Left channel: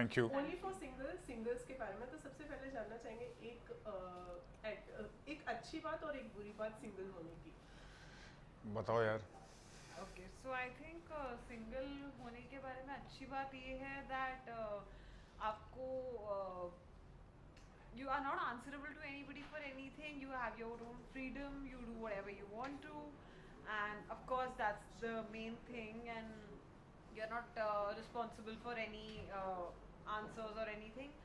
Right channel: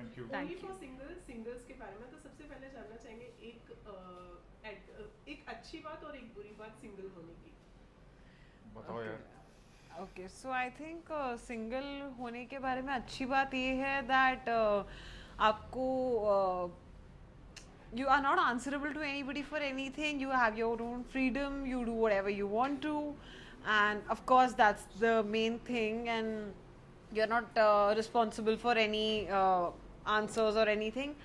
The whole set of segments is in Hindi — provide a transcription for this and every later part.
Thank you. Only for singers के बारे में तो सबसे पहले जानना चाहेंगे एक अच्छी बात और एक बुरी बात सिंगल होने की। बताओ यार। Okay, so I think single होने के बारे में अच्छी बात ये है दैट आपको you are not answerable to anybody for anything. You have your own freedom, you do whatever you want to, and of course that's the main thing, and you're not responsible for any answers or anything.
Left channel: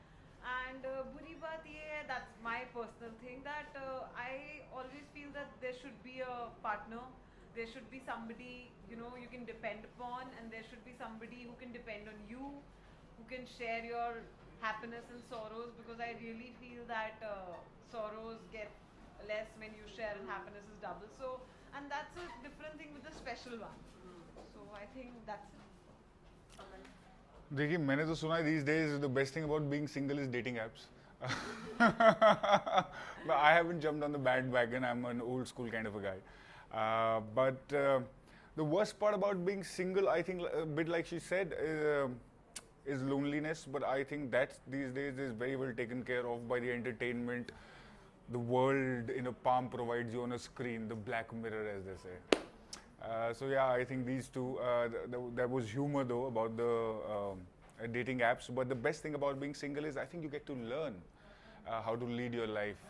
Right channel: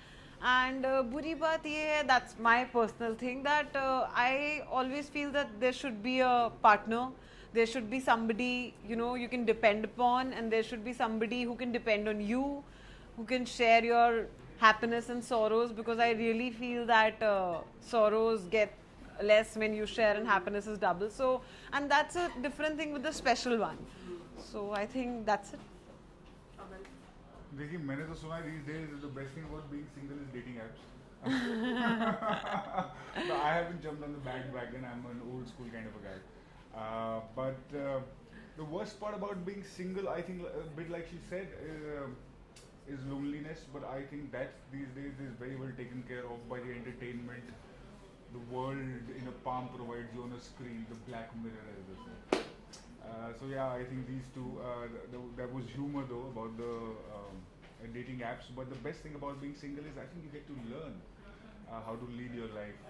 And buri baat ye hai, that's my personal thing, that I always feel that there should be a partner, there should be somebody you can depend upon, and there should be somebody who can depend on you, who can share your happiness and sorrows, because I really feel that sorrows get less when you share and happiness is double. So, and that's a different thing with the special one. So I think that's it. देखिए मैंने तो सुना है these days the best thing about being single is dating apps. No, I haven't jumped on the bandwagon. I'm an old school kind of a guy. But the worst part about being single, I think, a bit like she said, is loneliness. But I think that these days is very well taken care of by the entertainment. The world in a palm provides you on a screen, the black mirror, as they say. So yeah, I think these two. There was humor though about the dating apps, but the best thing about being single is I think you get to learn how to lead your life,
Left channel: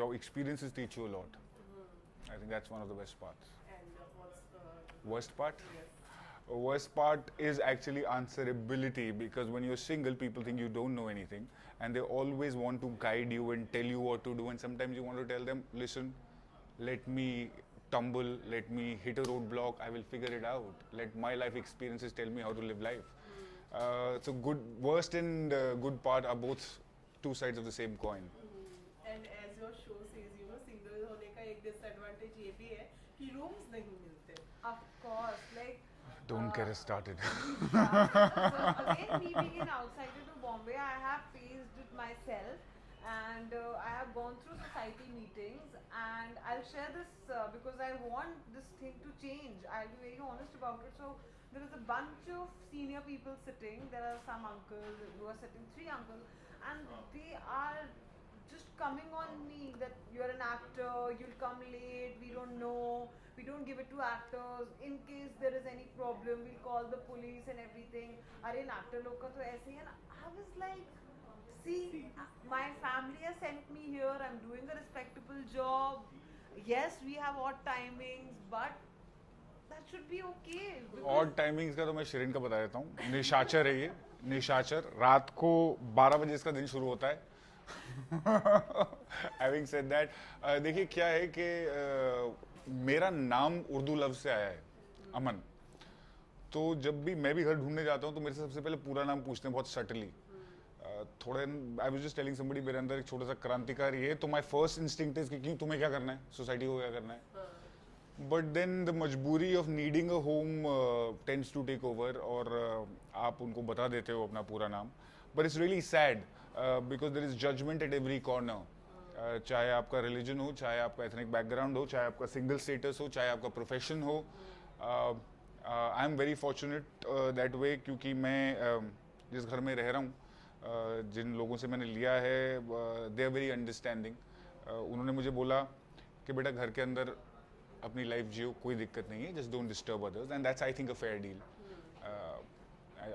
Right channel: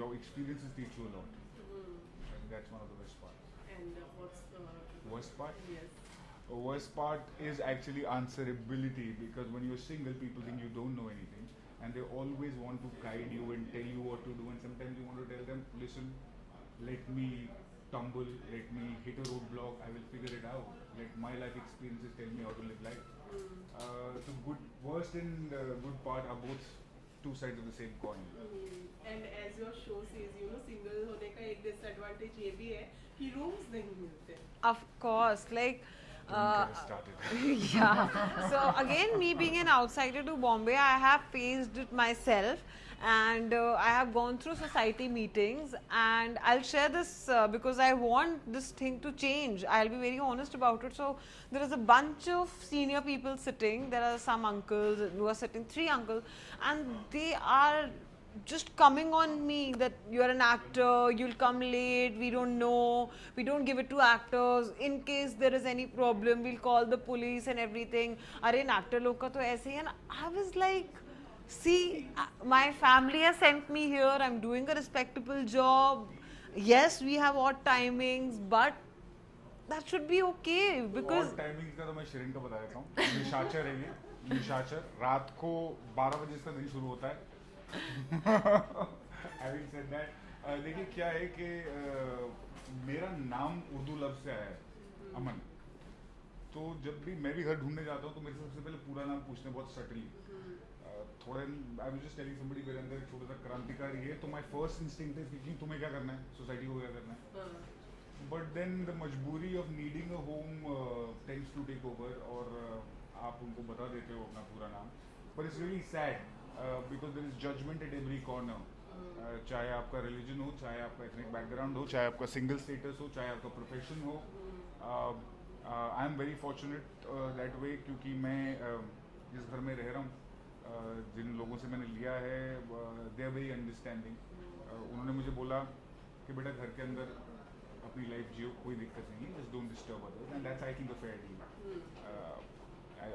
your experiences teach you a lot. I think that's one of the best parts. And what's the Worst part? Yes. Worst part is actually answerability, because when you're single, people think you don't know anything, and they always want to guide you and tell you what to do. And sometimes you want to tell them, listen, let me tumble, let me hit a roadblock, I will figure it out. Let my life experiences tell me how to live life. So worst and good part are both two sides of the same coin. And as your show says, single होने का एक disadvantage ये भी है कि rooms नहीं मिलते. Of course, like Don't get us started. yeah. So again, me being an outsider to Bombay, I have faced it myself, and I have gone through society meetings, and I'll share this because I want this thing to change. I'll be very honest about it. So there is a bunch of senior people sitting. There are some uncles who are sitting, 3 uncles, and they are just coming on me that you're an actor, you'll come late, we don't know, we don't give it to actors, in case there is any problem we'll call the police and everything. Arey in actor log ka to aise hi. And I was like, see, my family has sent me here, I'm doing a respectable job, yes we have odd timings, but that should be okay, because और टाइमिंग्स का तो मैं शिरीन का बता देता हूँ. निशाचर है ये. निशाचर रात को 12 बजे इसका दिन शुरू होता है. Having said that, देखिए क्या है कि मेरा नाम उर्दू लफ्ज से आया है, अमन. तो जब भी मैं भी घर ढूंढने जाता हूँ तो मेरे से सबसे पहले पूरा नाम पूछते हैं, बहुत सटली. थोड़े I was just telling somebody, मेरे अंदर एक छोटा सा क्रांतिकारी है, तो माय फर्स्ट इंस्टिंक्ट इज कि तुम्हें क्या करना है, सोसाइटी को क्या करना है. बट देन द मजबूरी of needing a home tends to take over, और आप उनको बता देते हो अपना पूरा नाम. But it's really sad because there is judgement at every corner. चाहे आपका रिलीजन हो, चाहे आपका एथनिक बैकग्राउंड हो, चाहे आपका सिंगल स्टेटस हो, चाहे आपका प्रोफेशन हो. I am very fortunate that way, क्योंकि मैं जिस घर में रह रहा हूँ, जिन लोगों से मैंने लिया है, दे आर वेरी अंडरस्टैंडिंग. उन्होंने मुझे बोला कि बेटा घर के अंदर अपनी लाइफ जियो, कोई दिक्कत नहीं है, just don't disturb others, and that's I think a fair deal.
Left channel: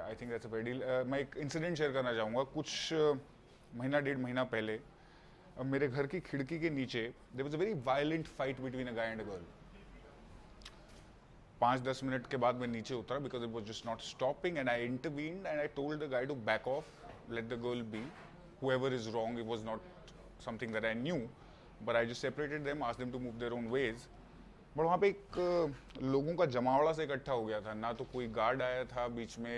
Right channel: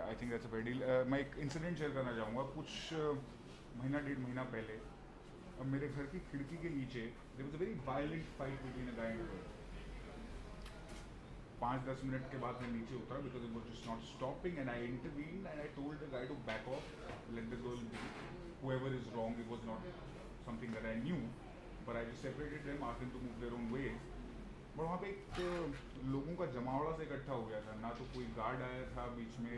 I think that's a fair deal. मैं एक इंसिडेंट शेयर करना चाहूँगा. कुछ महीना 1.5 महीना पहले मेरे घर की खिड़की के नीचे there was a very violent fight between a guy and a girl. 5-10 minute के बाद मैं नीचे उतरा because it was just not stopping, and I intervened and I told the guy to back off, let the girl be, whoever is wrong. It was not something that I knew, but I just separated them, asked them to move their own ways. But वहाँ पे एक लोगों का जमावड़ा से इकट्ठा हो गया था. ना तो कोई गार्ड आया था, बीच में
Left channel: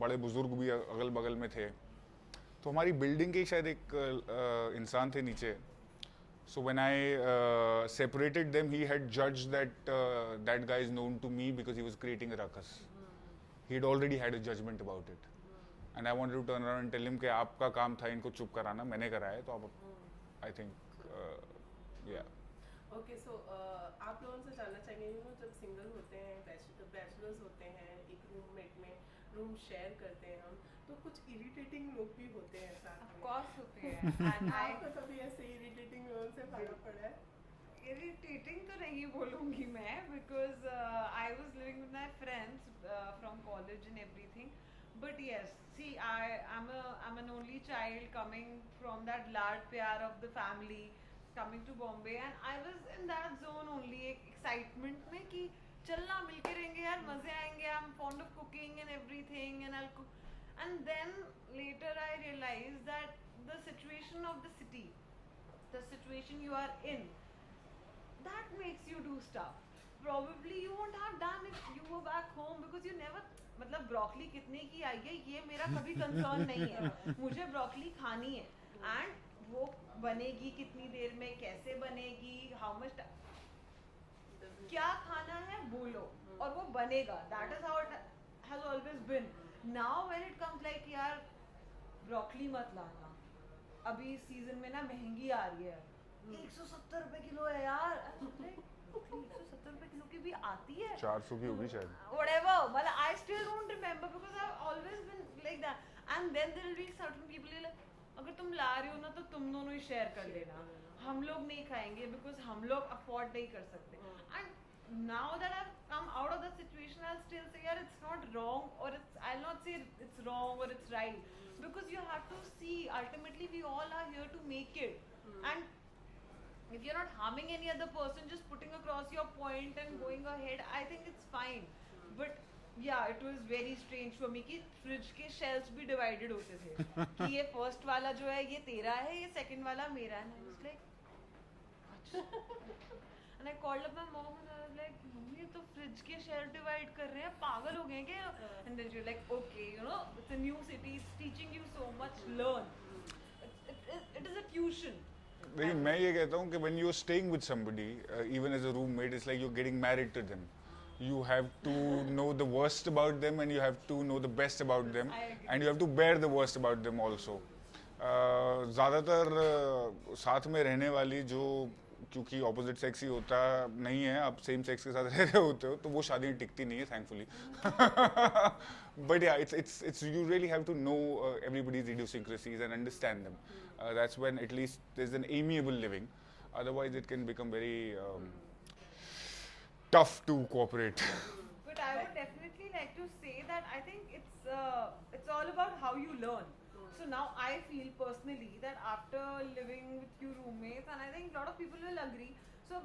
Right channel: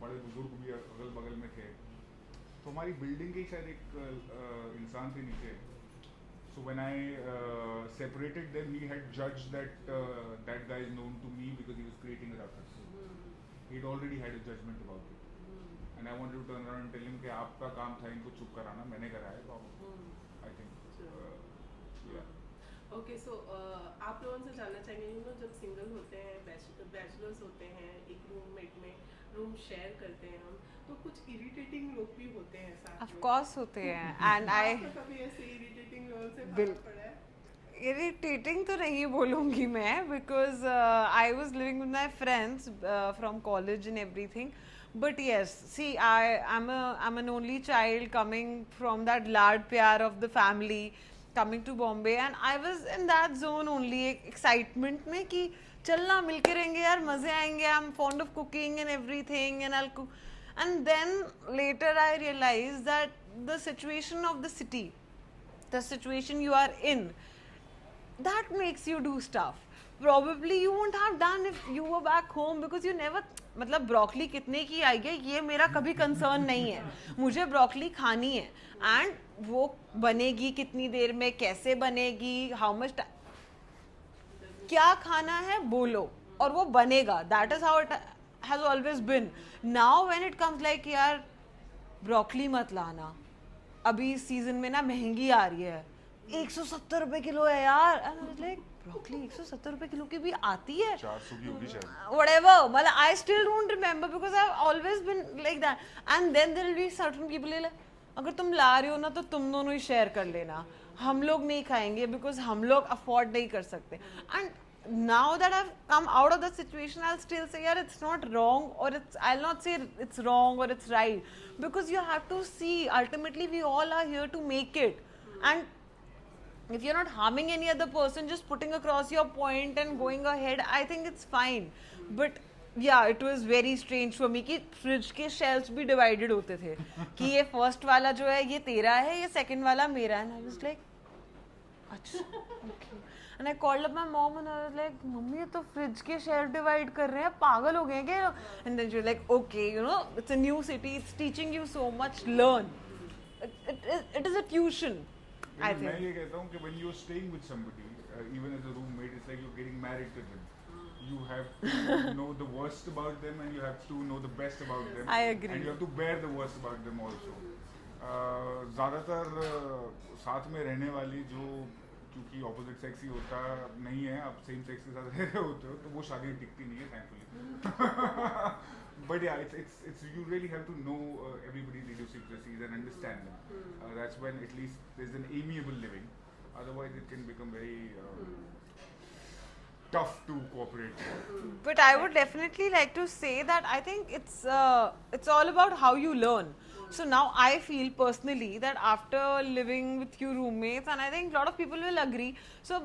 बड़े बुजुर्ग भी अगल बगल में थे. तो हमारी बिल्डिंग के शायद एक इंसान थे नीचे. So when I separated them, he had judged that that guy is known to me because he was creating a ruckus. He had already had a judgment about it. And I wanted to turn around and tell him कि आपका काम था इनको चुप कराना, मैंने कराया, तो आप I think yeah. Okay, so आप लोगों से जानना चाहेंगे, जब सिंगल होते हैं, बैचलर्स होते हैं, एक रूममेट में रूम शेयर करते हैं हम, तो कुछ इरिटेटिंग लोग भी होते हैं साथ ऑफ में। कोर्स होते हैं एंड आई आपको कभी ऐसे इरिटेटिंग लोगों से बिल- भागना पड़ा है? इरिटेटिंग तो नहीं बोलूँगी मैं because I was living with my friends from college and everything but yes, see, I'm an only child coming from that lad pyar of the family, coming to Bombay, and I was in that zone only, excitement में कि चलना मिलके रहेंगे यार, मजे आएंगे. I'm fond of cooking and everything, and I'll cook. And then later I realized that the situation of the city, the situation you are in, that makes you do stuff probably you won't have done if you were back home because you never. मतलब ब्रोकली कितने की आई है ये मेरा कभी कंसर्न नहीं है. मुझे ब्रोकली खानी है एंड वो बनेगी कितनी देर में, कैसे बनेगी, हाउ मच, क्या खाना है बोलो और वो बनेगा. That is how it has always been. Now when it comes like यार ब्रोकली मत लाना, अभी इस सीजन में ना महंगी आ रही है, 170 रुपए किलो है यार. लाइक ब्रोकली 170 रुपए किलो की भी आती है, 400 की होगी शायद. whatever. Well, I still don't remember because I've always been like that. And then there will be certain people like, अगर तुम ला रहे हो ना तो तुम दोनों ही शेयर कर लेना, हम लोग नहीं खाएंगे बिकॉज हम लोग अफोर्ड नहीं कर सकते. And now that I've come out of the situation, I'll still say, yeah, it's not wrong, or I'll not say it's wrong or it's right, because you have to see, ultimately we all are here to make it. And if you're not harming any other person, just putting across your point and going ahead, I think it's fine. But yeah, it was very strange for me कि फ्रिज के शेल्फ्स भी डिवाइडेड होते थे कि ये फर्स्ट वाला जो है ये तेरा है, ये सेकंड वाला मेरा है. And I was like, अच्छा. And I called up my mom and I was like, mummy ये तो फ्रिज के शेल्फ डिवाइड कर रहे हैं, पागल हो गए हैं क्या? And then she was like, okay, you know, it's a new city, it's teaching you so much, learn. It is a tuition. I मैं think. ये कहता हूँ कि when you're staying with somebody, even as a roommate, it's like you're getting married to them. You have to know the worst about them and you have to know the best about them. I agree. And you have to bear the worst about them also. ज़्यादातर साथ में रहने वाली जो, क्योंकि ऑपोजिट सेक्स ही होता नहीं है, आप सेम सेक्स के साथ रह रहे होते हो तो वो शादियाँ टिकती नहीं है thankfully. But yeah, it's you really have to know everybody's idiosyncrasies and understand them. That's when at least there's an amiable living. Otherwise, it can become very tough to cooperate. But I would definitely like to say that I think it's all about how you learn. So now I feel personally that after living with few roommates, and I think a lot of people will agree. So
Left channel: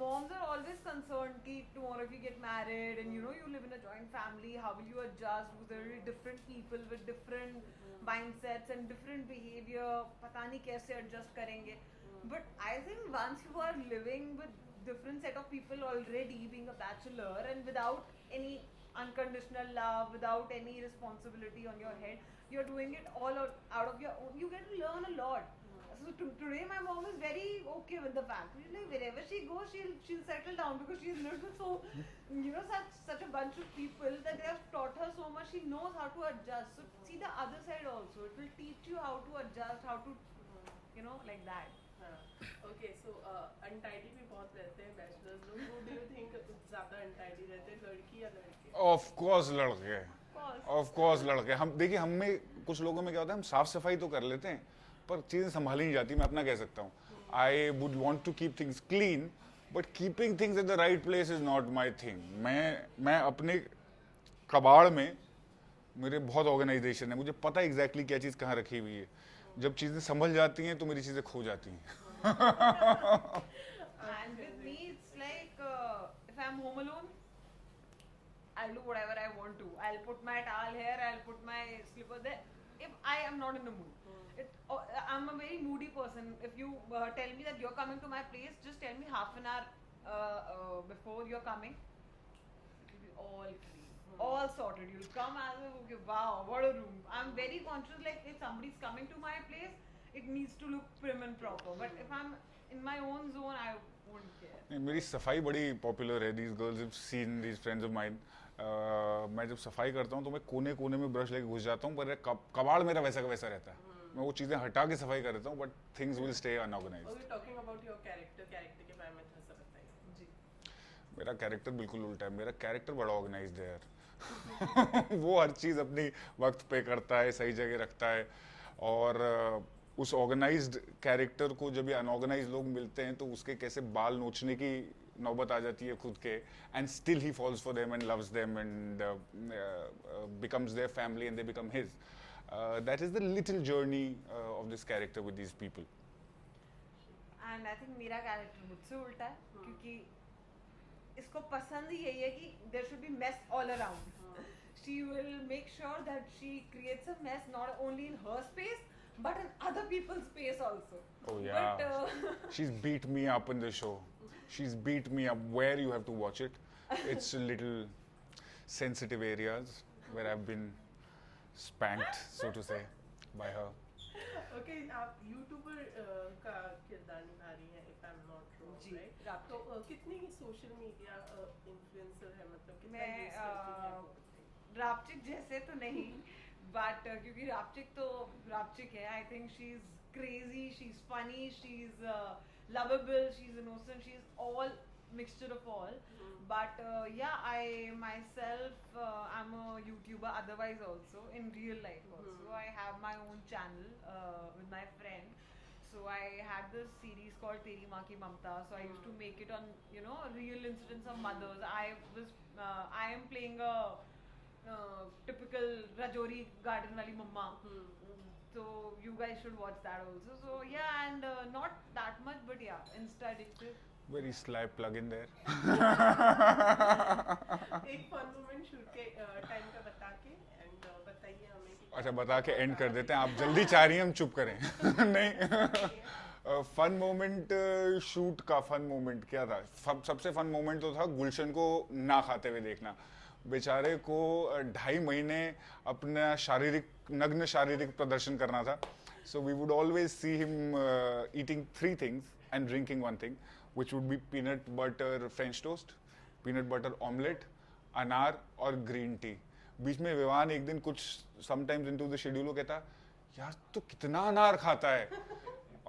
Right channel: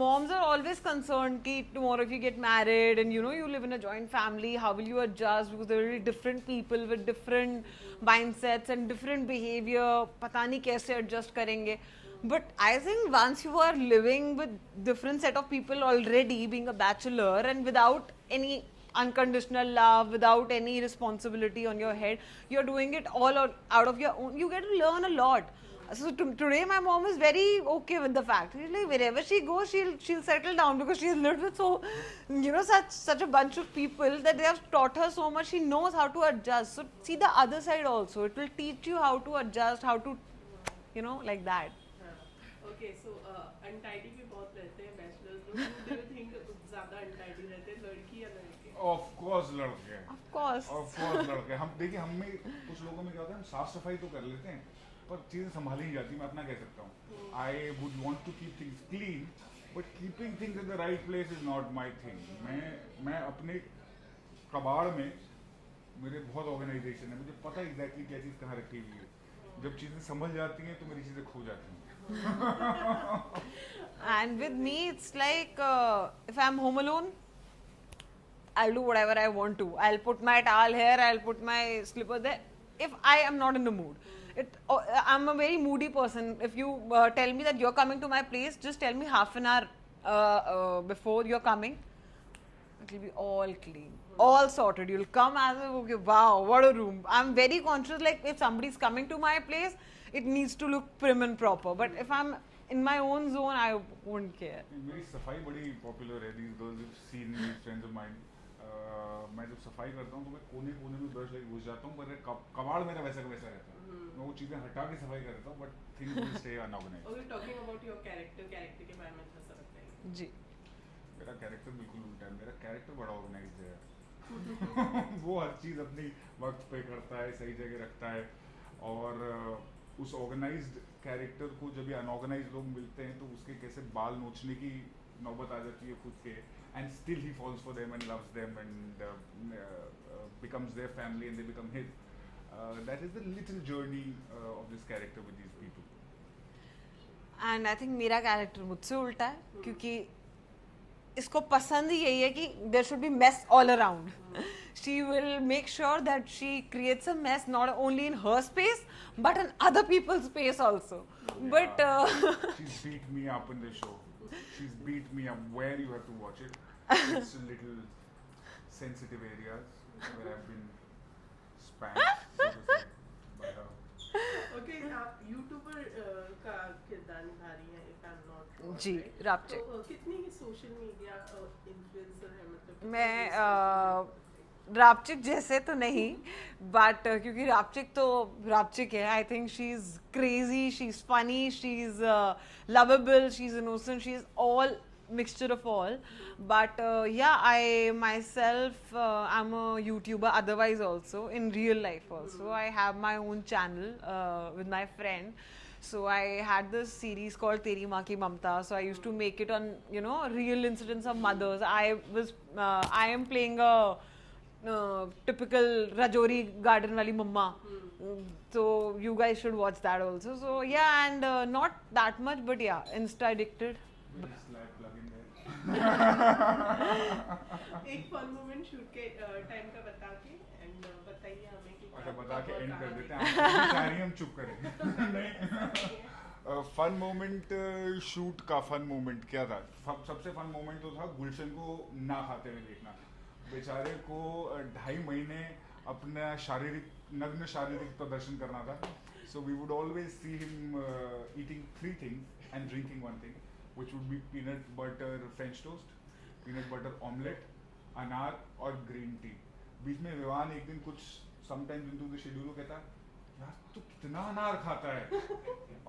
moms are always concerned कि tomorrow if you get married and you know you live in a joint family, how will you adjust, because there will be different people with different mindsets and different behavior. पता नहीं कैसे adjust करेंगे. But I think once you are living with different set of people already, being a bachelor and without any unconditional love, without any responsibility on your head, you're doing it all out of your own, you get to learn a lot. So today my mom is very okay with the fact, she's like, wherever she goes she'll settle down because she's lived with so, you know, such a bunch of people that they have taught her so much, she knows how to adjust. So see the other side also, it will teach you how to adjust, how to, you know, like that. Okay, so untidy भी बहुत रहते हैं bachelors लोग. Who do you think ज़्यादा untidy रहते हैं, लड़की या लड़के? Of course लड़के. Of course. लड़के. हम देखिए, हम में कुछ लोगों में क्या होता है, हम साफ सफाई तो कर लेते हैं पर चीज़ें संभाली नहीं जाती. मैं अपना कह सकता हूँ, I would want to keep things clean, but keeping things at the right place is not my thing. मैं अपने कबाड़ में, मेरे बहुत ऑर्गेनाइजेशन है, मुझे पता है एग्जैक्टली क्या चीज़ कहाँ रखी हुई है. जब चीज़ें संभल जाती हैं तो मेरी चीज़ें खो जाती हैं. And with me, it's like if I'm home alone, I'll do whatever I want to. I'll put my towel here, I'll put my slipper there. If I am not in the mood, I'm a very moody person. If you tell me that you're coming to my place, just tell me half an hour before you're coming. It will be all clean, all sorted. You'll come as if, okay, wow, what a room. I'm very conscious, like if somebody's coming to my place, it needs to look prim and proper. But if I'm in my own zone, I won't care. मेरी सफाई बड़ी पॉपुलर है. These girls have seen these friends of mine. मैं जब सफाई करता हूँ तो मैं कोने कोने में ब्रश लेके घुस जाता हूँ, पर कबाड़ मेरा वैसा का वैसा रहता है. मैं वो चीज़ें हटा के सफाई कर देता हूँ, but things will stay unorganized. Okay, talking about your character के बारे में थोड़ा सा बताइए. जी. मेरा कैरेक्टर बिल्कुल उल्टा है. मेरा कैरेक्टर बड़ा ऑर्गेनाइज्ड है यार. वो हर चीज़ अपनी वक्त पे करता है, सही जगह रखता है। और उस ऑर्गेनाइज्ड कैरेक्टर को जब ये अनऑर्गेनाइज लोग मिलते हैं तो उसके कैसे बाल नोचने की नौबत आ जाती है खुद के, and still he falls for them and loves them and becomes their family and they become his. That is the little journey of this character with these people. And I think मेरा कैरेक्टर मुझसे उल्टा है क्योंकि इसको पसंद ही यही है कि there should be mess all around. She will make sure that she creates a mess not only in her space but in other people's space also. But She's beat me up in the show. She's beat me up. Where you have to watch it. It's a little sensitive areas where I've been spanked, so to say, by her. Okay, आप यूट्यूबर का किरदार निभा रही हैं, if I am not wrong. जी, रापचिक. तो कितनी सोशल मीडिया इन्फ्लुएंसर है, मतलब मैं रापचिक जैसे तो नहीं, बट क्योंकि रापचिक तो रापचिक है. I think she is crazy, she is funny, she is lovable, she is innocent, she is all mixture of all. But yeah, I myself I'm a YouTuber otherwise also in real life also. I have my own channel with my friend. So I had this series called Teri Maa Ki Mamta. So I used to make it on, you know, real incidents of mothers. I am playing a typical Rajouri garden wali mamma. So you guys should watch that also. So yeah, and not that much, but yeah, Insta addicted. Very sly plug in there. एक फन मोमेंट शूट के टाइम का बता के एंड बताइए हमें कि अच्छा, बता के एंड कर देते हैं. आप जल्दी चाह रही हैं हम चुप करें. नहीं, फन मोमेंट, शूट का फन मोमेंट क्या था? सबसे फन मोमेंट तो था गुलशन को ना खाते हुए देखना. बेचारे को 2.5 महीने अपना नग्न शारीरिक प्रदर्शन करना था. So we would always see him eating 3 things and drinking 1 thing, which would be peanut butter French toast, peanut butter omelette, अनार और ग्रीन टी. बीच में विवान एक दिन कुछ समटाइम्स इनटू द शेड्यूल कहता, यार तो कितना अनार खाता है.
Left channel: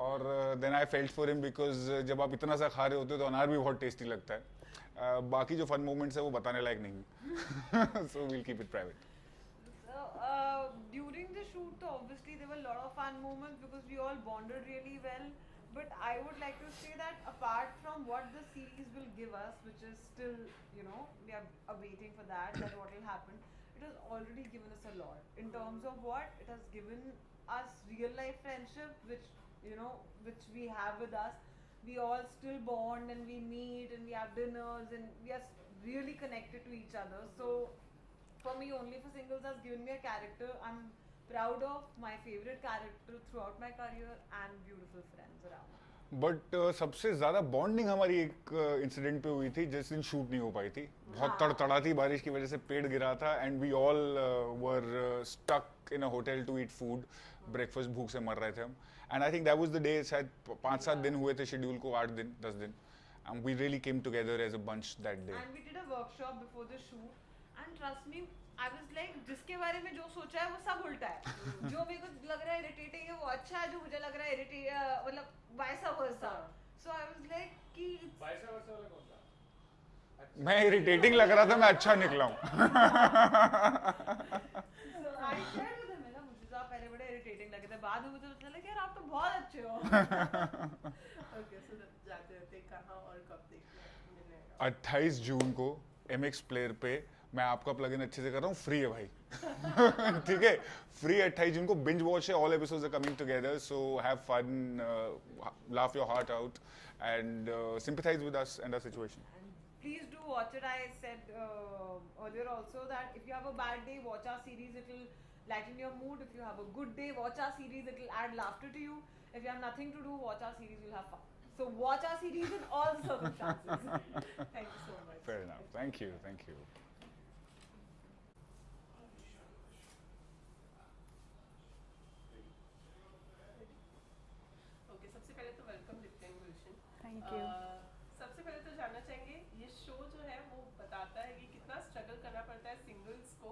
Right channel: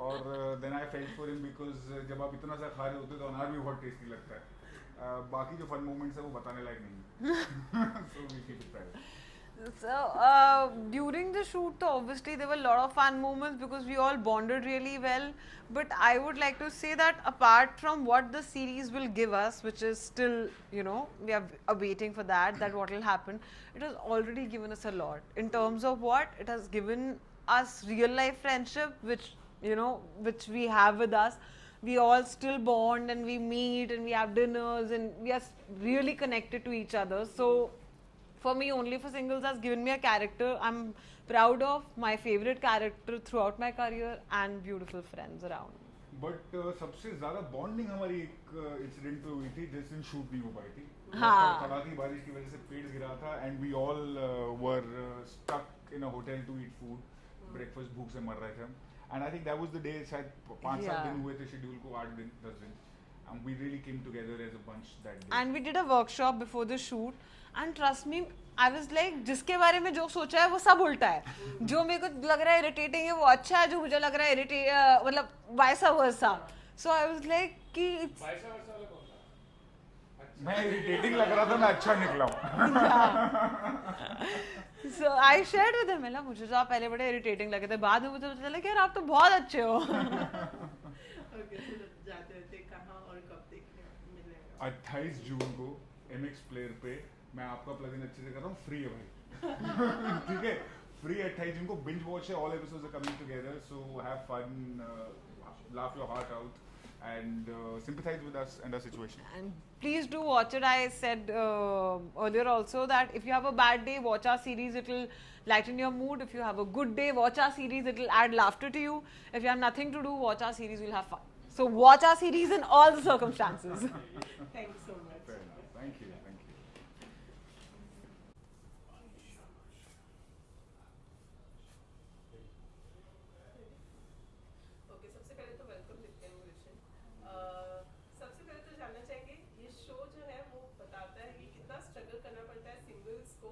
और then I felt for him because जब आप इतना सा खा रहे होते हो तो अनार भी बहुत टेस्टी लगता है. बाकी जो फन मोमेंट्स है वो बताने लायक नहीं. So we'll keep it private. So during the shoot, so obviously there were a lot of fun moments because we all bonded really well. But I would like to say that apart from what the series will give us, which is still, you know, we are awaiting for that what will happen. It has already given us a lot in terms of what it has given us real life friendship, which, you know, which we have with us. We all still bond and we meet and we have dinners and we are really connected to each other. So for me, Only for Singles has given me a character I'm proud of, my favorite character throughout my career, and beautiful friends around. But सबसे ज्यादा बॉन्डिंग हमारी एक इंसिडेंट पे हुई थी जिस दिन शूट नहीं हो पाई थी. हाँ. तड़तड़ाती बारिश की वजह से पेड़ गिरा था and we all were stuck in a hotel to eat food. Breakfast भूख से मर रहे थे हम. And I think that was the day. शायद 5-7 दिन हुए थे शेड्यूल को, 8 दिन 10 दिन. And we really came together as a bunch that day. And we did a workshop before the shoot, and trust me, I was like, जिसके बारे में जो सोचा है वो सब उल्टा है. जो मेरे को लग रहा है इरिटेटिंग है वो अच्छा है, जो मुझे लग रहा है मतलब वैसा वैसा. So I was like कि मैं इरिटेटिंग लग रहा था, मैं अच्छा निकला हूँ. So I shared with him, मतलब मुझे तो आप पहले बड़े इरिटेटिंग लगे थे, बाद में मुझे पता चला कि यार आप तो बहुत अच्छे हो. जाते रहते कहाँ और कब देखने मिलने वाला? 28 जून को MX प्लेयर पे मैं आपका प्लगइन अच्छे से कर रहा हूँ, फ्री है भाई. ठीक है, फ्री 28 जून को बिंज वॉच है. All episodes are coming together, so have fun, laugh your heart out and sympathize with us and our situation. And please do watch it. I said earlier also that if you have a bad day, watch our series. It will lighten your mood. If you have a good day, watch our series. It will add laughter to you. If you have nothing to do, watch our series. You'll have fun. So watch our series in all the circumstances. Thank you so much. Fair enough. Thank you. Thank you. Okay, सबसे पहले तो वेलकम देते हैं गुलशन. Thank you. सबसे पहले तो जानना चाहेंगे, ये शो जो है वो बताता है कि कितना स्ट्रगल करना पड़ता है सिंगल्स को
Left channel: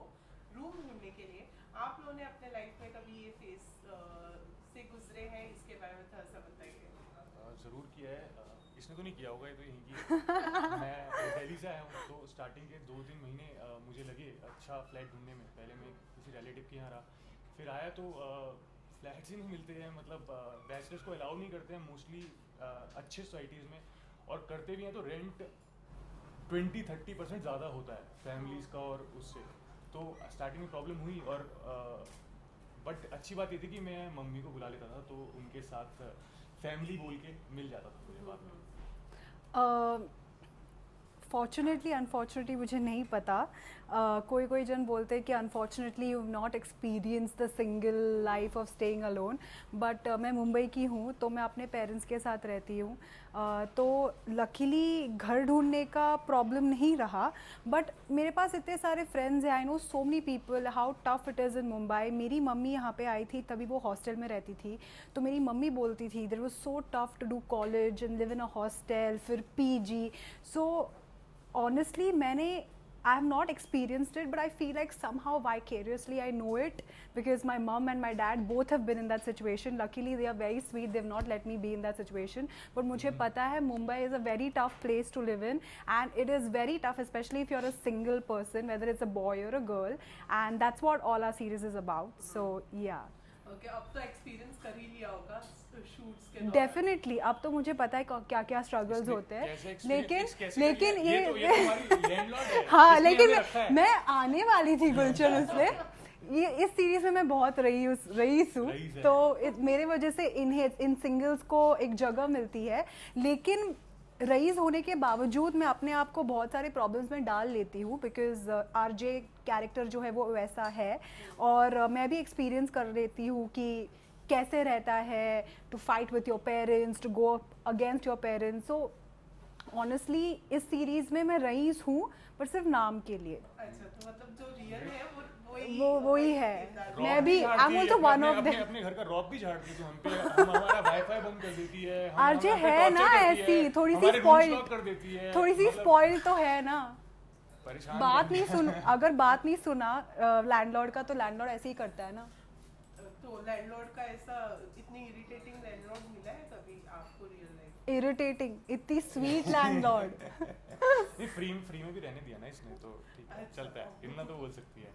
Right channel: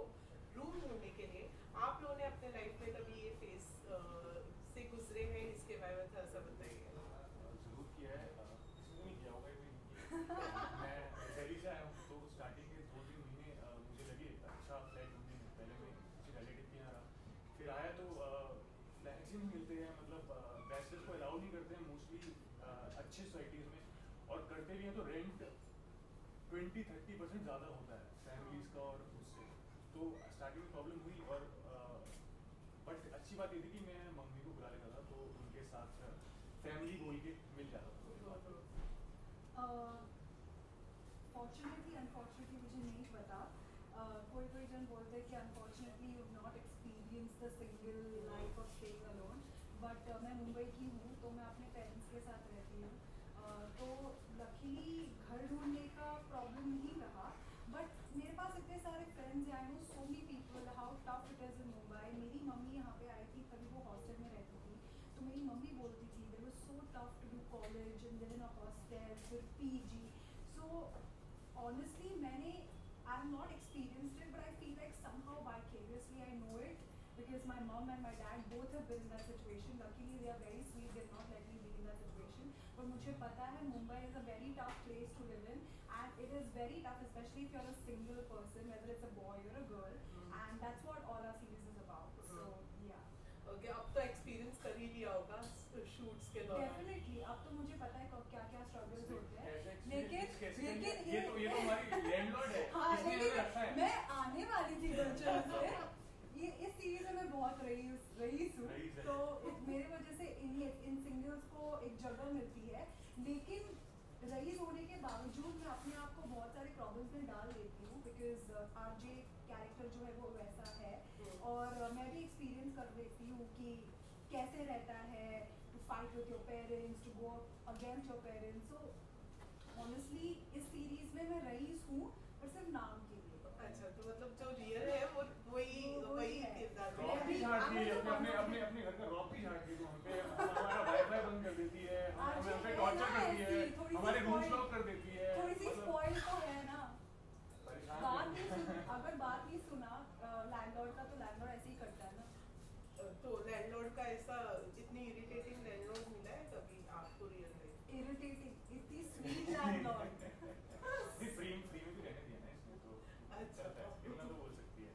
रूम ढूंढने के लिए. आप लोगों ने अपने लाइफ में कभी ये फेस से गुजरे हैं? इसके बारे में थोड़ा सा बताइए. ज़रूर किया है. इसने तो नहीं किया होगा, ये तो यहीं की है. मैं दिल्ली से आया हूँ, तो स्टार्टिंग के 2-3 महीने मुझे लगे अच्छा फ्लैट ढूंढने में। पहले मैं किसी रिलेटिव के यहाँ रहा, फिर आया तो फ्लैट्स ही नहीं मिलते हैं, मतलब बैचलर्स को अलाउ नहीं करते हैं मोस्टली अच्छे सोसाइटीज़ में, और करते भी हैं तो रेंट 20-30% ज़्यादा होता है फैमिलीज़ का और उससे। तो स्टार्टिंग में प्रॉब्लम हुई, और बट अच्छी बात ये थी कि मैं मम्मी को बुला लेता था, तो उनके साथ फैमिली बोल के मिल जाता था मेरे बाद में। फॉर्चुनेटली अनफॉर्चुनेटली मुझे नहीं पता। कोई जन बोलते हैं कि unfortunately you not experience the single life of staying alone, but मैं मुंबई की हूँ तो मैं अपने पेरेंट्स के साथ रहती हूँ। तो लकीली घर ढूंढने का प्रॉब्लम नहीं रहा, बट मेरे पास इतने सारे फ्रेंड्स हैं, I know so many people how tough it is in Mumbai. मेरी मम्मी यहाँ पे आई थी, तभी वो हॉस्टल में रहती थी, तो मेरी मम्मी बोलती थी there was so tough to do college and live in a hostel, फिर PG. So honestly I have not experienced it, but I feel like somehow vicariously I know it, because my mom and my dad both have been in that situation. Luckily they are very sweet, they've not let me be in that situation, but मुझे पता है Mumbai is a very tough place to live in, and it is very tough especially if you're a single person, whether it's a boy or a girl, and that's what all our series is about. So yeah, okay, अब तो एक्सपीरियंस कर ही लिया होगा शूट्स के दौरान। डेफिनेटली अब तो मुझे पता है क्या क्या स्ट्रगल्स होते हैं, कैसे experience- लेकिन कैसे लेकिन करिए? ये तो हमारी landlord है, हाँ, इसने लेकिन हमें रखा है। मैं आने वाली थी गुलशन उसमें। ये इस सीरीज में मैं बहुत रईस हूँ, रईस है। तो मेरे वजह से इन सिंगल्स को एक जगह मिलती है, लेकिन रईस होने के बावजूद मैं अपने आप को बहुत सारे प्रॉब्लम्स में डाल लेती हूँ, बिकॉज आरजे कैरेक्टर जो है वो वैसा है, और मैं भी एक्सपीरियंस कर लेती हूँ कि कैसे रहता है to fight with your parents, to go against your parents. So honestly इस सीरीज में मैं रईस हूँ, पर सिर्फ नाम के लिए। अच्छा, तो मतलब जो रियल है वही है। रॉक मैं भी झाड़ आई एम दी आल्सो है, वन ऑफ अपने द अपने घर का रॉक भी झाड़ दी तो हम पे, हमारा वाईफाई बंद कर देती है, आरजे हमारे है पे ना torture करती ऐसी है, थोड़ी सी हमारे रूल्स स्पॉइल, लॉक कर देती है, थोड़ी सी मतलब स्पॉइल तो है ना। परेशान बात है। नहीं सुन, अगर बात नहीं सुना लैंडलॉर्ड का, तो लैंडलॉर्ड ऐसे ही करता है ना। तो लैंडलॉर्ड का ऐसा इतनी इरिटेटिंग लैंडलॉर्ड मिला है कभी आपको रियल लाइफ? इरिटेटिंग, इतनी स्वीट लैंडलॉर्ड। नहीं, फ्री में भी रहने दिया ना इसने, तो ठीक है, अच्छा। चलता है, इतना तो बोल सकती है।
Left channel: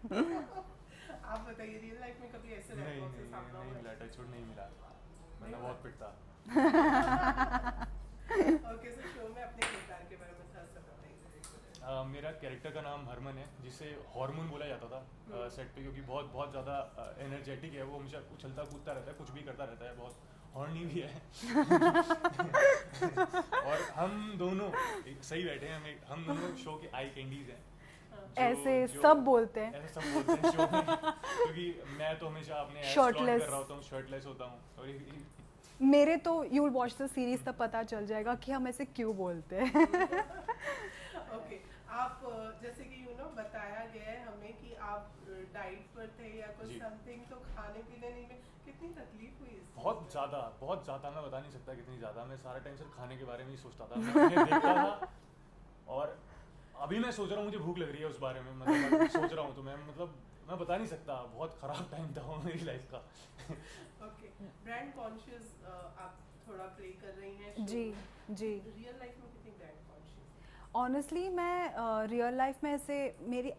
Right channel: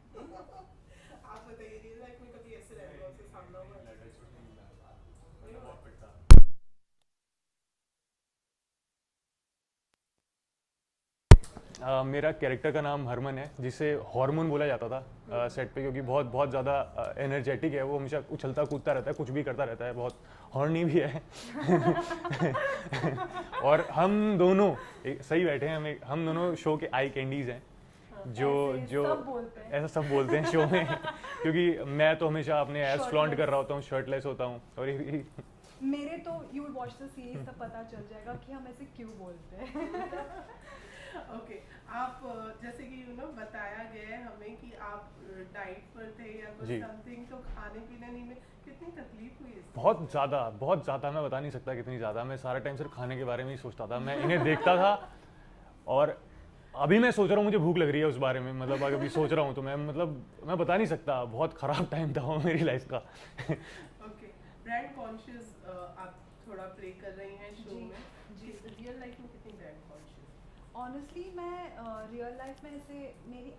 आप बताइए, रियल लाइफ में कभी ऐसे नहीं लैंडलॉर्ड से सामना नहीं, हुआ है? लेटर छोड़ नहीं मिला, मतलब बहुत पिटता। ओके, सो शो में अपने किरदार के बारे में थोड़ा सा बताइए। मेरा कैरेक्टर का नाम हरमन है, जिसे हार्मोन बोला जाता था सेट पे, क्योंकि बहुत बहुत ज़्यादा एनर्जेटिक है वो, हमेशा उछलता कूदता रहता है, कुछ भी करता रहता है, बहुत हॉर्नी भी है। और हम दोनों सही बैठे हैं, हम दोनों शो के आई कैंडीज हैं, ऐसे सब बोलते हैं। ऐसा सब बोलते हैं शो में, क्योंकि मैं तो हमेशा अपने एब्स फ्लॉन्ट Shirtless। कर रहा होता हूँ, शर्टलेस होता हूँ, और मेरे तो you will watch the series तब पता चल जाएगा कि हम ऐसे क्यों बोलते हैं। ओके, आप जैसे कि बताया गया है हमें कि आप डाइट पर थे या कुछ जी। समथिंग, तो खाने पीने में कितनी तकलीफ हुई इससे? बहुत ज़्यादा मैं बता नहीं सकता कितनी ज़्यादा। मैं सारा टाइम सिर्फ खाने के बारे में ही सोचता था, मैं इन्हें देखता था, और अभी मैं सोच रहा हूँ, मुझे भूख लग रही है उस बारे में, मतलब अभी सोच रहा हूँ, तो मैं बता नहीं सकता, बहुत ख़राब टाइम था वो मेरी लाइफ का। ओके, ब्रांड कॉन्शियस आप थोड़ा प्ले कर रही हैं शो जी, में। जी। रियल लाइफ में कितनी ब्रांड कॉन्शियस? ऑनेस्टली मैं रियल लाइफ में ऐसे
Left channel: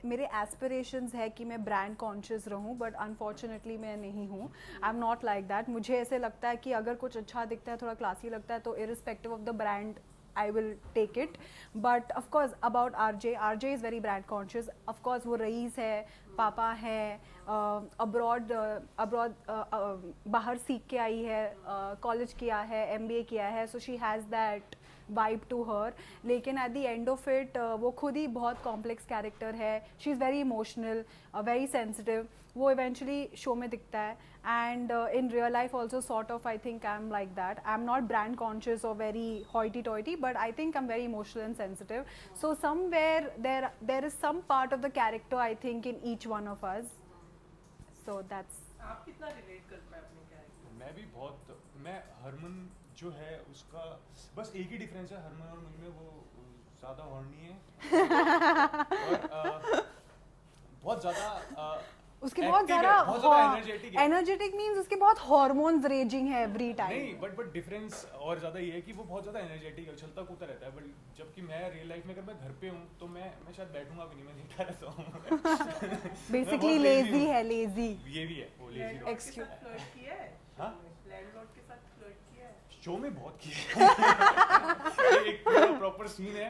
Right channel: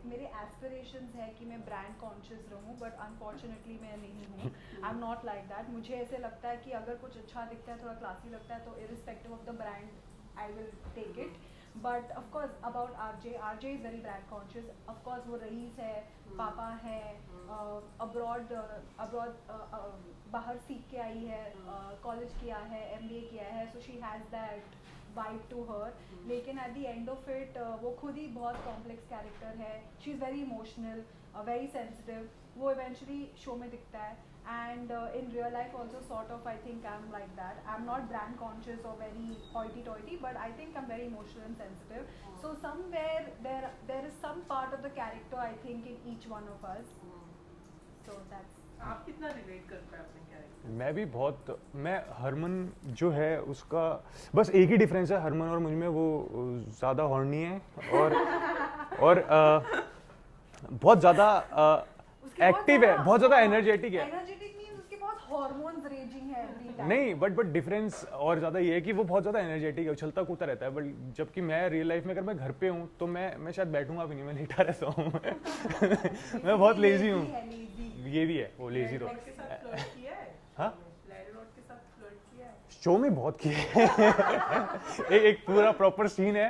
मेरे एस्पिरेशंस है कि मैं ब्रांड कॉन्शियस रहूं, बट अनफॉर्चुनेटली मैं नहीं हूं। आई एम नॉट लाइक दैट। मुझे ऐसे लगता है कि अगर कुछ अच्छा दिखता है, थोड़ा क्लासी लगता है, तो irrespective of the brand I will take it. But of course about RJ is very brand conscious. Of course वो रईस है, पापा है, अब्रॉड बाहर सीख के आई है, कॉलेज किया है, MBA किया है, so she has that vibe to her. लेकिन at the end of it वो खुद ही बहुत कॉम्प्लेक्स कैरेक्टर है। She is very emotional, very sensitive. वो इवेंचुअली शो में दिखता है, and in real life also sort of I think I'm like that. I'm not brand conscious or very hoity toity, but I think I'm very emotional and sensitive. So somewhere there is some part of the character I think in each one of us. So that's आप कितना रिलेट कर पाए अपने कैरेक्टर? मैं भी बहुत, मैं हरमन जो है उसका बस एक ही डिफरेंस है हरमन और मुझ में, वो ज़्यादा हॉर्नी है और बहुत ज़्यादा उसके बहुत एक्टिव है, बहुत ज्यादा एनर्जेटिक है। एनर्जेटिक मींस उसके बहुत हार्मोन्स रेजिंग है एवरी टाइम। नहीं बट डिफरेंस और ज्यादा ये है कि वो बहुत ज्यादा एनर्जेटिक है, उछलता कूदता रहता है, बट जबकि मैं रियल लाइफ में अगर मैं घर पे हूँ तो मैं शायद बैठूंगा भी नहीं, मैं लेटा रहता हूँ। मैं बहुत लेजी हूँ। है लेजी। ये भी है, वो लेजी लैंडलॉर्ड के साथ फ्लर्ट किया है? हाँ? लैंडलॉर्ड के साथ फ्लर्ट किया है? शो में बहुत किए हैं। एक पूरा प्रॉपर सीन है,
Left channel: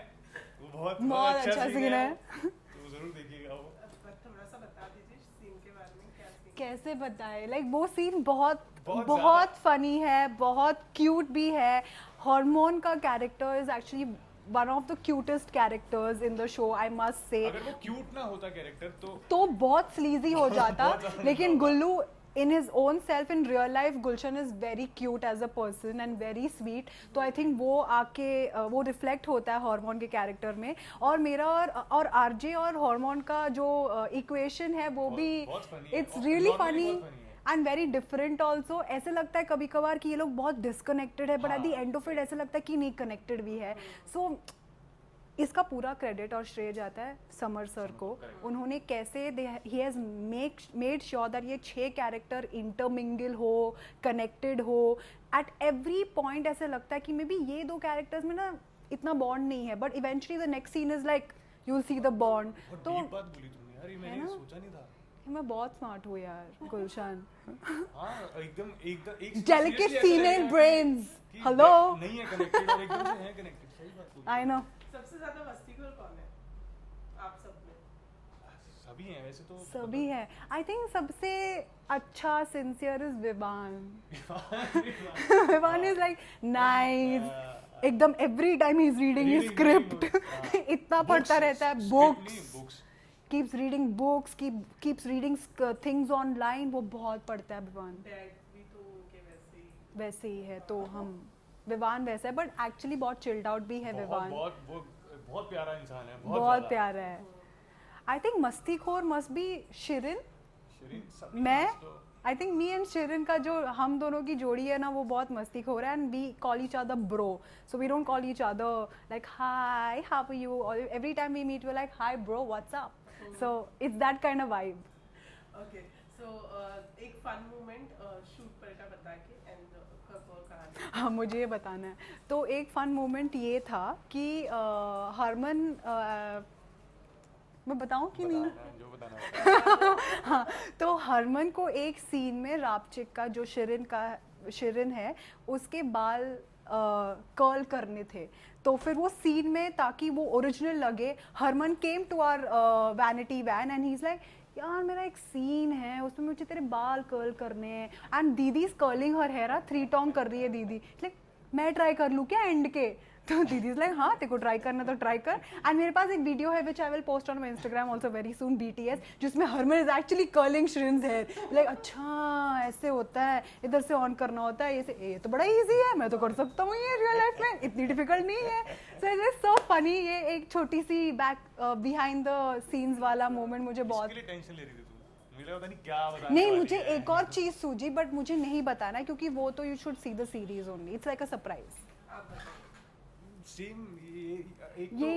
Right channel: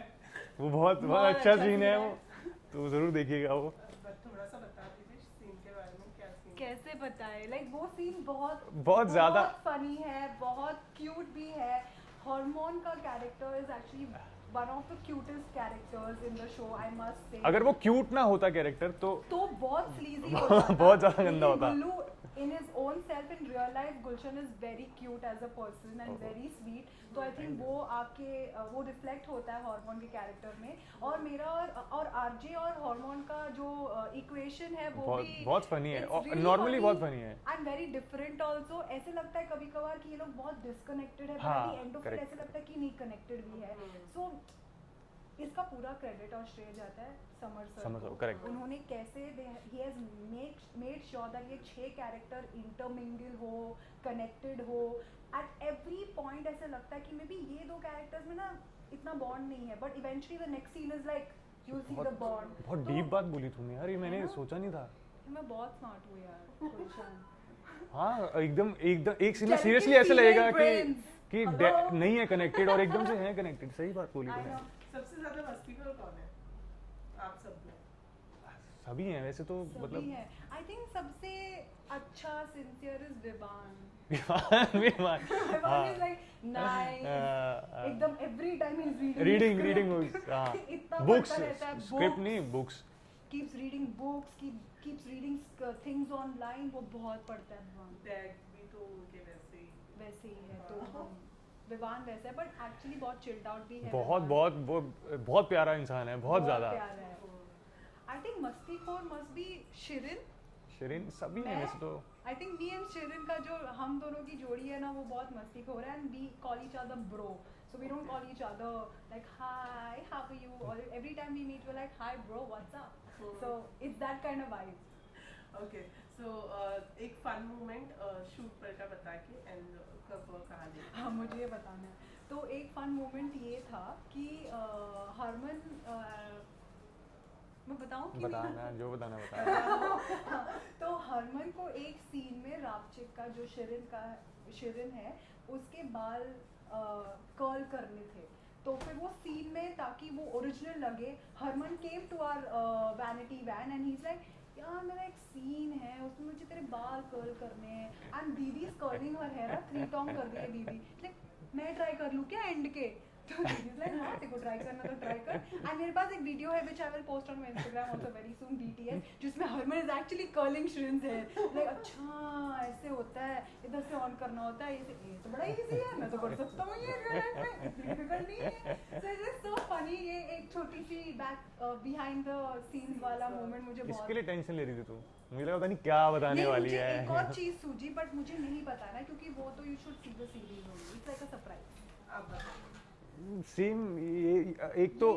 वो बहुत अच्छा सीन है वो, तो जरूर देखिएगा वो। थोड़ा सा बता दीजिए सीन के बारे में, क्या सीन? कैसे बताए, लाइक वो सीन बहुत ज्यादा फनी है, बहुत क्यूट भी है। हार्मोन का character is actually one of the cutest characters in the show, I must say. अगर वो क्यूट ना होता कैरेक्टर तो बहुत स्लीजी हो बहुत जाता, ज्यादा लेकिन गंदा होता। गुल्लू in his own self in real life Gulshan is very cute as a person and very sweet, तो I think वो आके वो रिफ्लेक्ट होता है हार्मोन के कैरेक्टर में। और मेरा और आरजे और हार्मोन का जो इक्वेशन है वो भी बहुत फनी है, it's really नॉर्मली funny बहुत फनी है and very different also। ऐसे लगता है कभी कभार कि ये लोग बहुत डिस्कनेक्टेड है, but at the end of it ऐसे लगता है कि नहीं, कनेक्टेड भी है। सो इसका पूरा क्रेडिट और श्रेय जाता है समर सर को। correct। उन्होंने कैसे he has made sure that ये 6 कैरेक्टर इंटरमिंगल हो, कनेक्टेड हो। एट एवरी पॉइंट ऐसे लगता है कि मे बी ये 2 कैरेक्टर्स में ना इतना बॉन्ड नहीं है, but eventually the next scene is like you will see the bond. बहुत डीप बात बोली तूने यार, ये मैंने सोचा नहीं था। मैं बहुत स्मार्ट हूँ यार गुलशन। हाँ एकदम एकदम एक Delicate सीरियसली ऐसे female लगेगा brains. कि Hello? नहीं है कनेक्टेड और एकदम से है कनेक्टेड। सही बात बोली आई नो। सबसे ज्यादा मस्तीखोर कौन है आप सब में? सभी हैं वैसे तो, सभी है। आई थिंक सबसे अच्छा sincere is Vivaan. Vivaan is like nice, एकदम every time he is reading script. इतना पढ़ता रहता है, books keeps reading books, keeps reading things online, वो बहुत पढ़ता है विवान। डैड भी तो उनके वैसे ही है, तो हम विवान वैसा है, बट एक्चुअली बहुत चिल्ड आउट भी है बहुत विवान। बहुत प्यारा इंसान है, बहुत बहुत ज्यादा प्यारा है। आई थिंक मस्तीखोर मस्ट बी शिरीन सभी मैं हैं तो। I think me and Shireen का जो हम दोनों की जोड़ी है ना, वो बहुत मस्तीखोर है, and we call each other bro, so we don't call each other like hi how are you, और every time we meet we like hi bro what's up, so it's that kind of vibe. Okay, so एक फन मोमेंट शूट पर का बता के एंड कहाँ? हाँ मुझे ये बताना है। तो एक फन मोमेंट ये था कि हरमन मैं बताऊं कि नहीं? जो बताना हाँ, तो हरमन को एक सीन में रापचिक का जो शिरिन है उसके बाल कर्ल करने थे, तो फिर वो सीन में ताकि वो ओरिजिनल लगे, Harman came to our vanity van and he is like यार मेरा एक सीन है उसमें मुझे तेरे बाल कर्ल करने हैं, एंड दीदी is curling her hair, 3 tong कर रही है दीदी, लाइक मैं ट्राई कर लूँ क्या एंड के? तो दीदी इज लाइक हाँ तेरे को ट्राई करना तो ट्राई कर। एंड मेरे पास एक वीडियो है which I will post on my Instagram also very soon BTS, जिसमें Harman is actually curling Shrin's hair, like अच्छा ऐसे होता है, इधर से ऑन करना होता है, ये तो बड़ा इजी है, मैं तो कर सकता हूँ ये रियल लाइफ में, इतनी डिफिकल्ट नहीं है। So it is so funny, ये एक छोटी सी बैक बिहाइंड द सीन्स वाला मोमेंट मुझे बहुत। इसके लिए टेंशन ले रही थी तू, मुझे पता नहीं क्या बताने नहीं वाली मुझे है। एक और चीज सूझी, बट मुझे नहीं बताना है क्योंकि वो तो you should see the series only, it's like a surprise. Scene ये एक तो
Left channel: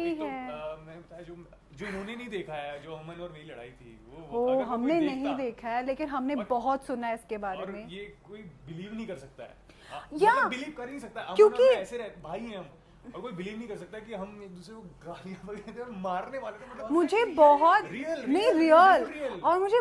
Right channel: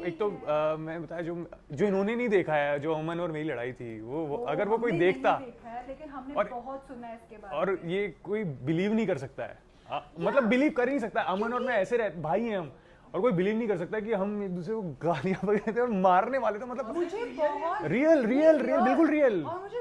मैं बताया जो इन्होंने नहीं देखा है, जो अमन और मेरी लड़ाई थी, वो अगर वो कोई हमने देखता नहीं देखा है, लेकिन हमने बहुत सुना है इसके बारे और में। ये कोई बिलीव नहीं कर सकता है, या, मतलब बिलीव कर ही नहीं सकता। अमन और मैं ऐसे रहते भाई हैं हम, और कोई बिलीव नहीं कर सकता कि हम एक दूसरे को गालियां वगैरह थे और मारने वाले थे, मतलब मुझे बहुत रियल बिल्कुल रियल। और मुझे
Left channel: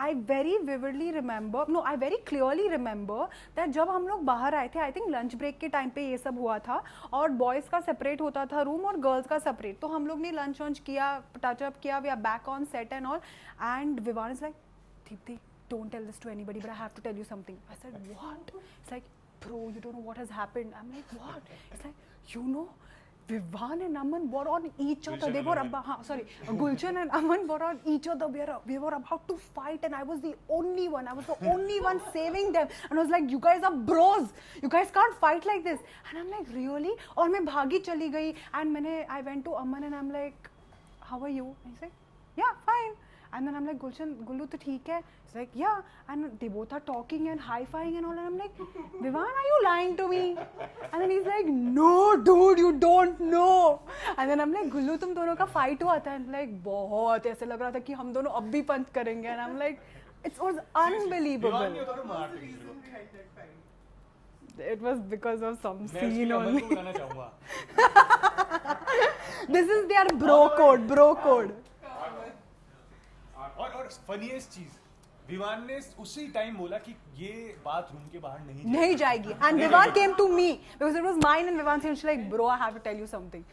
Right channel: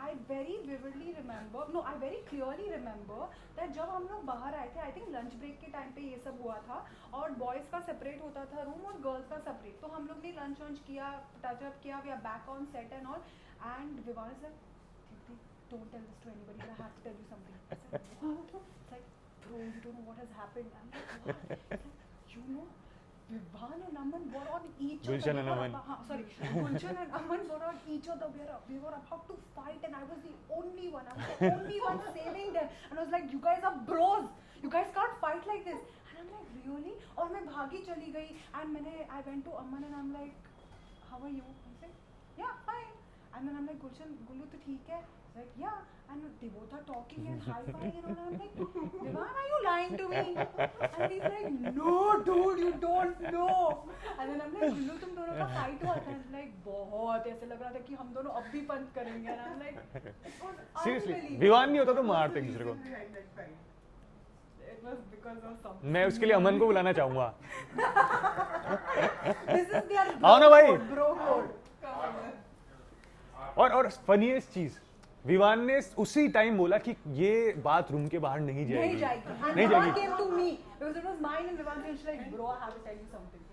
I very vividly remember, no I very clearly remember that जब हम लोग बाहर आए थे, आई थिंक लंच ब्रेक के टाइम पे ये सब हुआ था, और बॉयज़ का सेपरेट होता था रूम और गर्ल्स का सेपरेट, तो हम लोग ने लंच वंच किया, टचअप किया, we are back on set and all, and Vivaan is like Deepti don't tell this to anybody, but I have to tell you something. I said, what? It's like, bro, you don't know what has happened. I'm like, what? It's like, you know, Vivan and Aman were on each other. Gulshan They were about, Gulshan and Aman were on each other. We were about to fight, and I was the only one. I was the only one saving them. And I was like, you guys are bros. You guys can't fight like this. And I'm like, really? और मैं भागी चली गई. And I went to Aman and I'm like, how are you? I said, yeah, fine. And then I'm like, Gullu to theek hai? He's like, yeah. And they both are talking and high-fiving and all. And I'm like, Vivan, are you lying to me? And then he's like, no, dude, you don't know. And then हमने गुल्लू तुम दोनों का फाइट हुआ था एंड लाइक बहुत ऐसे लग रहा था कि हम दोनों अब भी पंच करेंगे and I am like it's was unbelievable Vivaan नहीं होता तो मारते एक दूसरे को. behind that fight? It was because of some मैं उसके लिए अमन को बुलाना चाहूंगा. दिस इज देयर आओ ना भाई. ब्रो कोड और फनीएस्ट चीज विवान ने उसी टाइम बोला कि ये बात रूम के बाहर नहीं जाएगी. नहीं जाएगी एंड नहीं विवान जाएगी. Came to me because it was mine and Vivaan said like bro I have to tell you something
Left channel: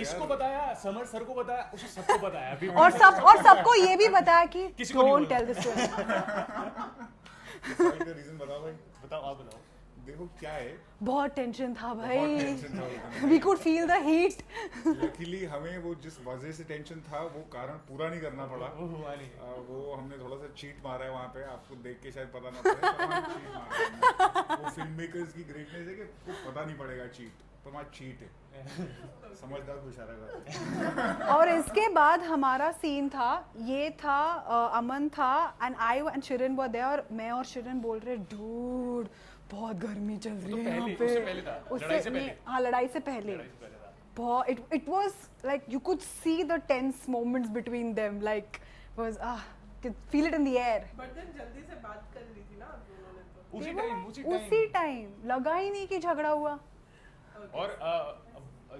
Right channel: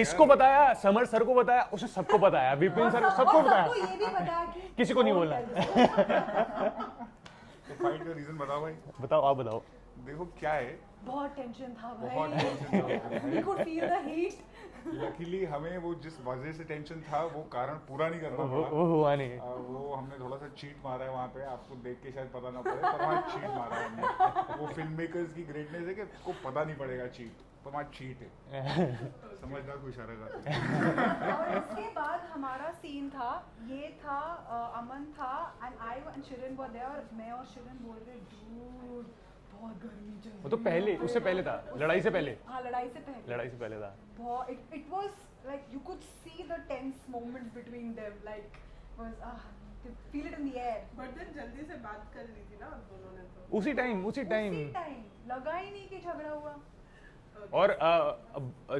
इसको बताया, समर सर को बताया, उसे सबको बताया. और सबको ये भी बताया कि किसी को नहीं don't बोला. tell this to anyone. Fight का रीजन बताओ भाई. बताओ, आप बताओ. देखो क्या है, बहुत टेंशन था बहुत भाई टेंशन था उस दिन. We could feel the heat luckily हमें वो जिस वजह से टेंशन था वो कारण पूरा नहीं करना पड़ा. वो हुआ नहीं. वो हमने थोड़ा सा चीट मारा है वहाँ पे, आपको देख के शायद पता ना पड़े पर वहाँ चीट मारा है हमने. वो फिल्म मेकर्स की ग्रेटनेस है कि को पता नहीं पड़ेगा चीट, पर वहाँ चीट है. समझदार को इशारा करते हैं. और इसके बाद हमारा सीन था, ये था अमन था and I and Shireen were there और मैं और शिरन बोल रहे डूड बहुत गर्मी चल रही है. वो तो पहले, यहाँ पे." उससे पहले था, लड़ाई से पहले. हाँ लड़ाई से पहले. लड़ाई से पहले था. बहुत it was like you could see the tense moments between them like was feel it in the air. But then जल्दी से बात कर ली थी ना आप दोनों ने तो. उसी टाइम उसी टाइम लगा ही नहीं कि झगड़ा हुआ. और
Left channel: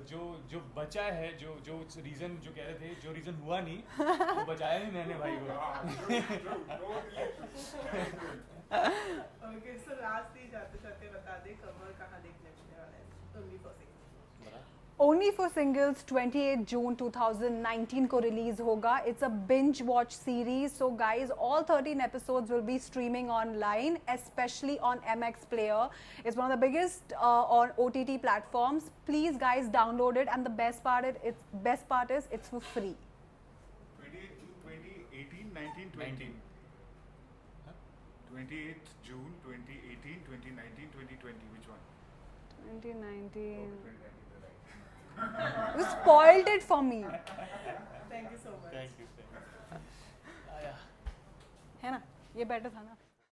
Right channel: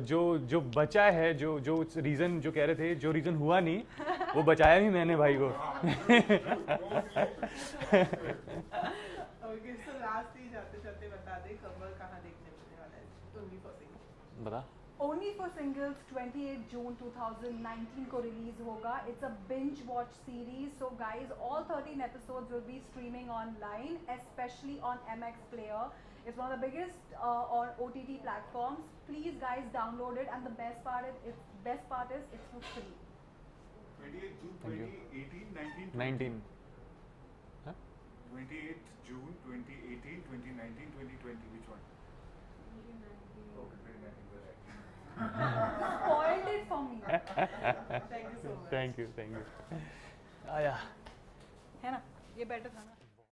जो बचा है, जो रीजन जो कह रहे थे, जो रीजन हुआ नहीं वो बचाया भी मैंने भाई को. Okay, so last ही जाते बता दे कवर कहाँ देखने मिलने वाला है Only for Singles. बता. Only for Singles 28 June 2019 को रिलीज होगा. It's a binge watch series. So guys, all 13 episodes will be streaming online, especially on MX Player. It's one of the biggest on OTT platforms. Please guys download it and the best part is it's for free. 28 June 2018, 19, 19. 28th June 2018, 2019, 2020. Which one? 2019. You spoiled it for me. Thank you so much. Thank you. आया. है ना? ये बेटर था ना?